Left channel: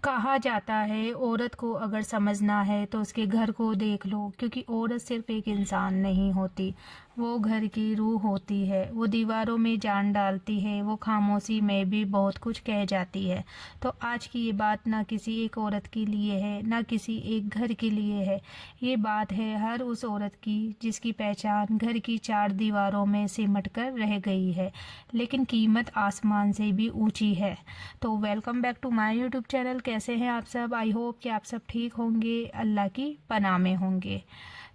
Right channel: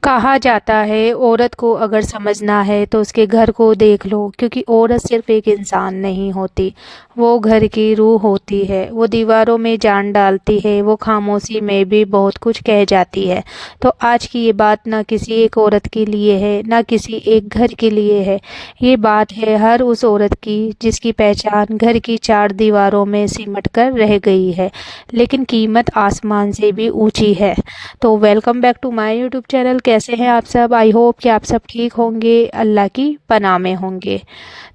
کہا جاتا ہے عورت کو اگر سمجھنا ہے تو اس کے گھر کو دیکھ لو، کیونکہ عورت صرف ایک انسان نہیں ہوتی، وہ گھر کی روح ہوتی ہے، وہ دیواروں میں جان ڈالتی ہے، وہ خاموشی میں بھی بہت کچھ کہہ جاتی ہے۔ تو آج کی یہ بات نہ کسی ایک عورت کے لیے ہے، نہ کسی ایک گھر کے لیے ہے، یہ بات ہے ہر اس عورت کی جس کی پہچان گھر کی چار دیواروں میں سمٹ کر رہ گئی ہے، لیکن قیمت آسمان سے بھی اونچی ہے۔ تو welcome back to my YouTube channel. کیسے ہیں آپ سب؟ آئی ہوپ کہ آپ سب ٹھیک ہوں گے، اللہ کی پناہ میں ہوں گے۔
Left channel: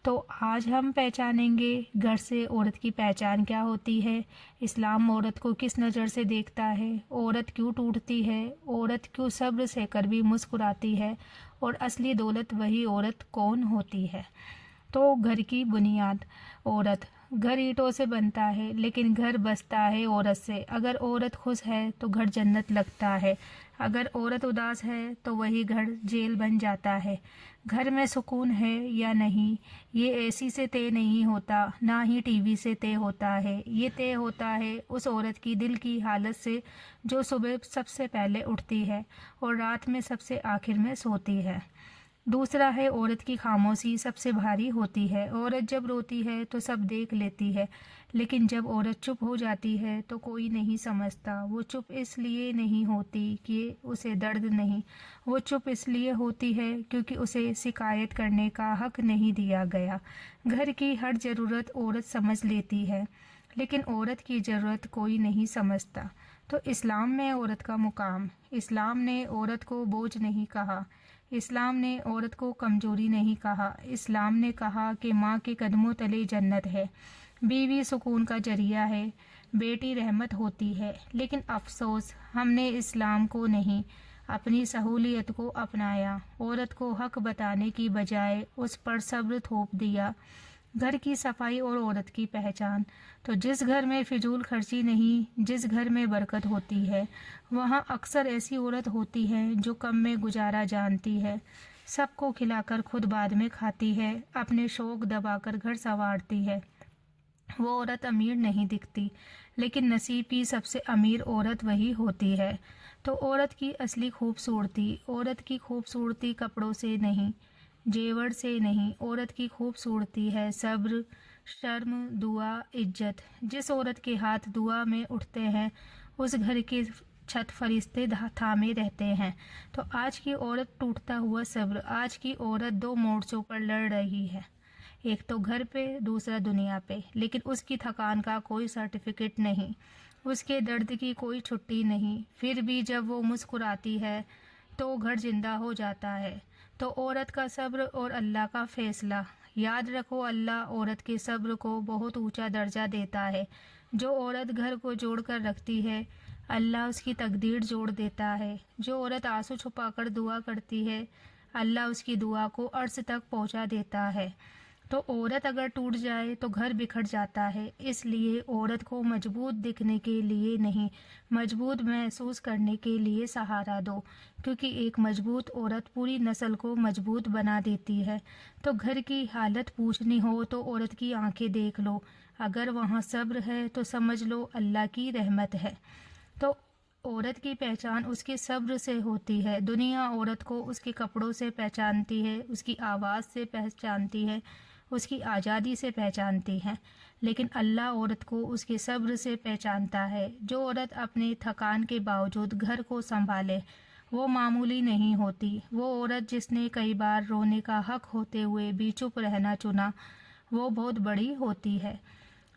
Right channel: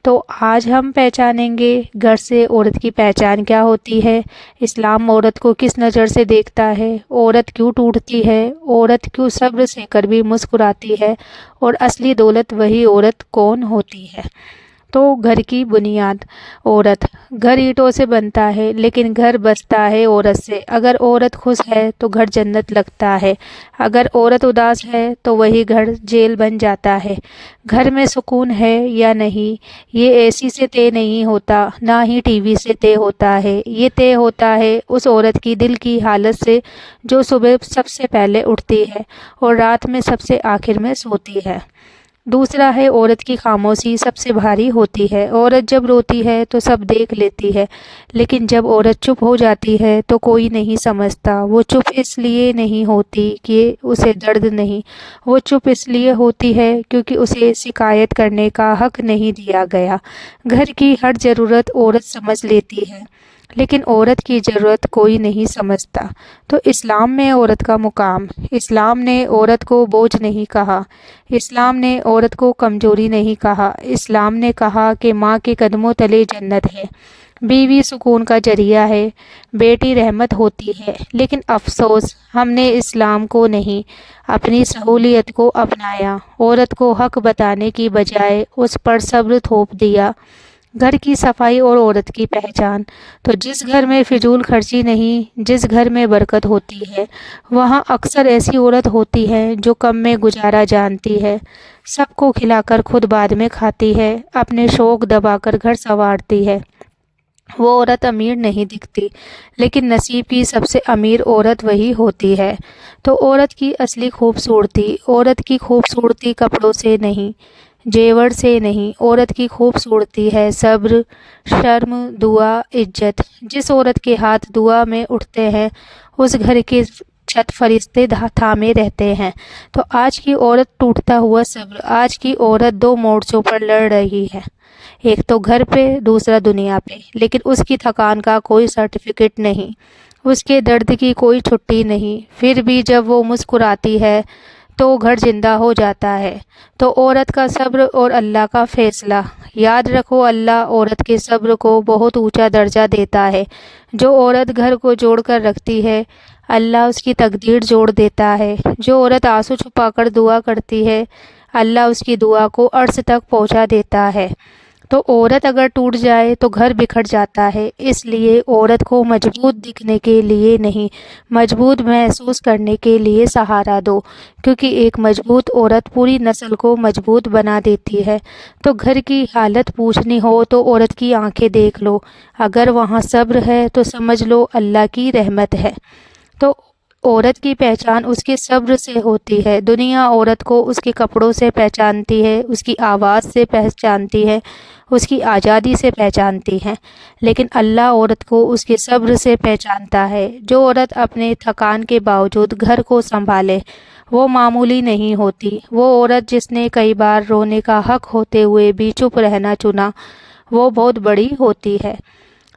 تو آج ہم پہچانیں گے گھر سے عورت کی پہچان کیا ہوتی ہے، اسلام عورت کو کس نظر سے دیکھتا ہے، عورت کیوں ٹوٹتی ہے، عورت کیوں صبر سے کر بھی مسکراتی ہے، اور اصلی دولت وہی عورت کون ہوتی ہے۔ تو گھر کی بنیاد عورت۔ گھر اینٹوں سے بنتا ہے لیکن گھر بستا ہے عورت سے۔ اگر عورت خوش ہے تو گھر جنت لگتا ہے، اگر عورت اداس ہے تو وہی گھر جیل بن جاتا ہے۔ گھر میں سکون ہے یا نہیں، یہ اے سی سے طے نہیں ہوتا، نہ ہی ٹی وی سے طے ہوتا ہے، یہ طے ہوتا ہے اس عورت کی دل کی حالت سے جو صبح سب سے پہلے اٹھتی ہے اور رات میں سب سے آخر میں سوتی ہے۔ دوسرا ہے عورت کی خاموشی سب سے بھاری ہوتی ہے۔ عورت جب روتی ہے تو سب دیکھ لیتی ہے، لیکن جب عورت چپ ہو جاتی ہے تو کوئی نہیں سمجھتا۔ وہ چپ اس لیے نہیں ہوتی کہ اسے درد نہیں، وہ چپ اس لیے ہوتی ہے کیونکہ اسے شکایت کرنے کا حق نہیں دیا گیا۔ گھر کی ہر ضرورت عورت سمجھ لیتی ہے، لیکن عورت کی ضرورت کوئی نہیں سمجھتا۔ تو اسلام میں عورت کا مقام۔ اسلام نے عورت کو بوجھ نہیں کہا، اسلام نے عورت کو کمزوری نہیں کہا، اسلام نے کہا کہ ماں کے قدموں تلے جنت ہے، بیوی سکون کا ذریعہ ہے، بیٹی رحمت ہوتی ہے۔ لیکن افسوس، ہم نے اسلام کو نہیں، اپنی سہولیت کو اپنایا۔ عورت کو حق بتانے کی بجائے اس پر صبر تھوپ دیا۔ گھر کی صفائی اور عورت کی پہچان۔ تو جس گھر میں فضول خرچی نہیں، جس گھر میں برکت ہوتی ہے، وہاں اکثر ایسی عورت ہوتی ہے جو کم میں گزارا جانتی ہے، سب کو کھلا کر خود بعد میں کھاتی ہے، اپنے شوق دبا کر گھر سنوارتی ہے۔ وہ عورت امیر نہیں دکھتی، لیکن نصیب کی سب سے امیر عورت وہی ہوتی ہے۔ تو عورت کی اصلی خوبصورتی، عورت کی خوبصورتی کپڑوں سے نہیں، جیور سے نہیں، عورت کی خوبصورتی ہے صبر، شرم، دعا، عزت۔ جس عورت کے ہاتھ دعا میں اٹھتے ہیں اس گھر کے چھت فرشتے تھامے رہتے ہیں۔ تو آج کی عورت ٹوٹتا ہوا صبر۔ آج کی عورت دو مورچوں پر لڑ رہی ہے، ایک تو گھر پہ، دوسرا دنیا پہ، لیکن اس کی تھکان کا کوئی سرٹیفکیٹ نہیں، اس کے درد کی کوئی چھٹی نہیں۔ پھر بھی جب وہ مسکراتی ہے تو گھر زندہ ہو جاتا ہے۔ تو عورت کا صبر اور اللہ کا فیصلہ۔ یاد رکھو، اللہ عورت کے صبر کو بہت اونچا درجہ دیتا ہے۔ جو عورت گھر کو جوڑ کر رکھتی ہے، اللہ اس کی تقدیر جوڑ دیتا ہے۔ جو عورت آنسو چھپا کر دعا کرتی ہے، اللہ اس کی دعا کو عرش تک پہنچا دیتا ہے۔ تو عورت اگر ٹوٹ جائے تو گھر بکھر جاتا ہے۔ اس لیے عورت کو مضبوط دکھنے کے لیے نہیں، مضبوط محسوس کرنے کے لیے سہارا دو، کیونکہ ایک مضبوط عورت پوری نسل کو مضبوط بنا دیتی ہے۔ تو گھر کی حالت پوچھنی ہو تو عورت کی آنکھیں دیکھ لو، اگر وہاں صبر ہے تو سمجھ لو اللہ کی رحمت ہے۔ تو عورت کی پہچان اس کے صبر سے ہوتی ہے۔ دنیا عورت کو اس کے کپڑوں سے پہچانتی ہے، اس کی آواز سے پہچانتی ہے، اس کی آزادی سے پہچانتی ہے، لیکن اللہ عورت کو اس کے صبر سے پہچانتا ہے۔ جو عورت اپنے تھکان کے باوجود گھر کو سنبھالے وہ معمولی نہیں ہوتی۔ وہ عورت جس نے کئی بار رونے کا حق ہوتے ہوئے بھی چپ رہنا چنا، وہ بہت بڑی ہوتی ہے۔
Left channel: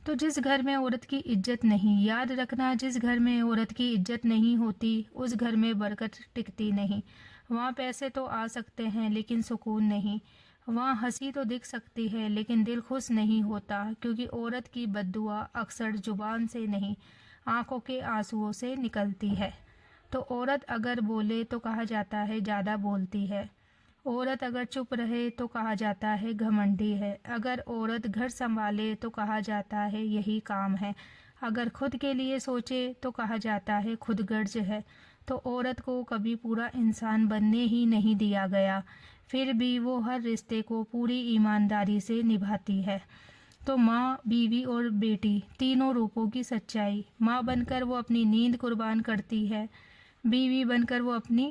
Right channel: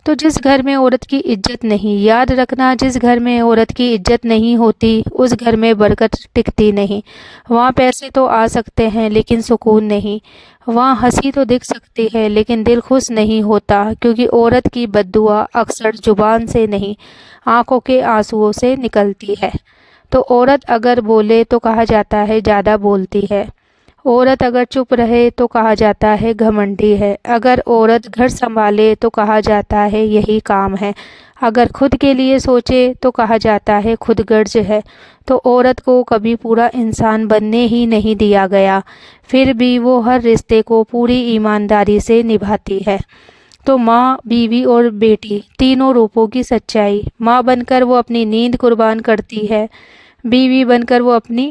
تو جس گھر میں عورت کی عزت نہیں، یاد رکھنا، جس گھر میں عورت کی عزت نہیں ہوتی اس گھر میں برکت ٹکتی نہیں۔ وہاں پیسے تو آ سکتے ہیں لیکن سکون نہیں، وہاں ہنسی تو دکھ سکتی ہے لیکن دل خوش نہیں ہوتا، کیونکہ عورت کی بد دعا اکثر زبان سے نہیں، آنکھوں کے آنسوؤں سے نکلتی ہے۔ تو عورت اگر بولے تو کہا جاتا ہے زیادہ بولتی ہے، عورت اگر چپ رہے تو کہا جاتا ہے گھمنڈی ہے، اگر عورت گھر سنبھالے تو کہا جاتا ہے یہی کام ہے، اگر خود کے لیے سوچے تو کہا جاتا ہے خود غرض ہے۔ تو عورت کو کبھی پورا انسان بننے ہی نہیں دیا گیا، پھر بھی وہ ہر رشتے کو پوری ایمانداری سے نبھاتی ہے۔ تو ماں، بیوی اور بیٹی تینوں روپوں کی سچائی۔ ماں بن کر وہ اپنی نیند قربان کرتی ہے، بیوی بن کر وہ اپنی